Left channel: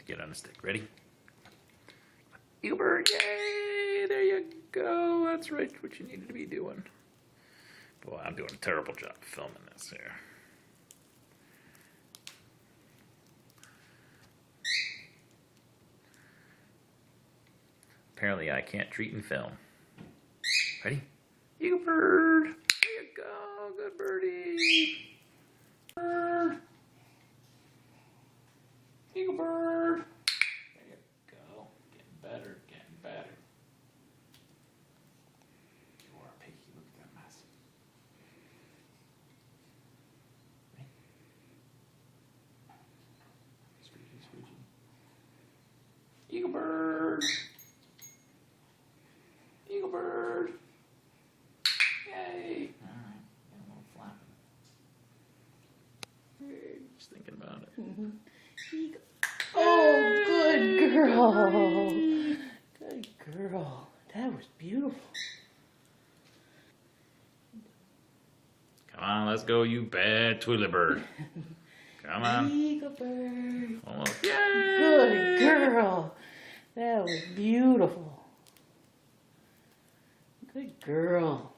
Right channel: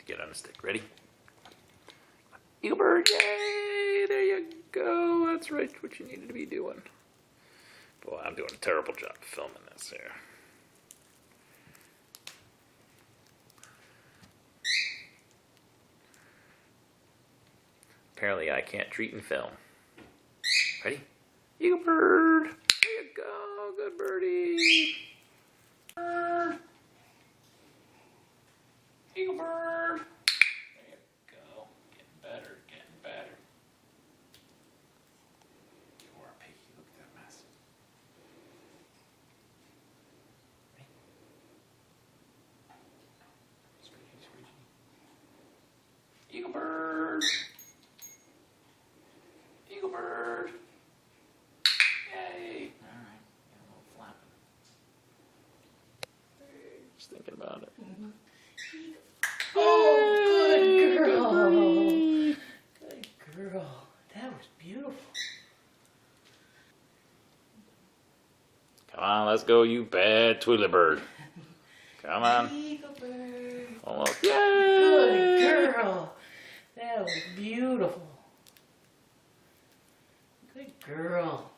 need to get on the stick. Ready? Eagle bird, yay! There you go. That's right, what you needed to be doing. Boy, I'm doing a terrible job filming this here. Apparently I can't treat and film. Ready? Eagle bird! There you go, good birdie! Bird! Eagle bird! There you go, getting better, getting better. You are picky, look at that mess. Squeaky, squeaky. Eagle bird! Eagle bird! Yay! Alright, get a little flapping. Hey, just thinking about it. Mm-hmm. Oh, good girl. Good girl. That was beautiful. Come on, let's go, you bad Twilly bird. Come on. Eagle bird. Almost. Good girl. That was beautiful. Good girl.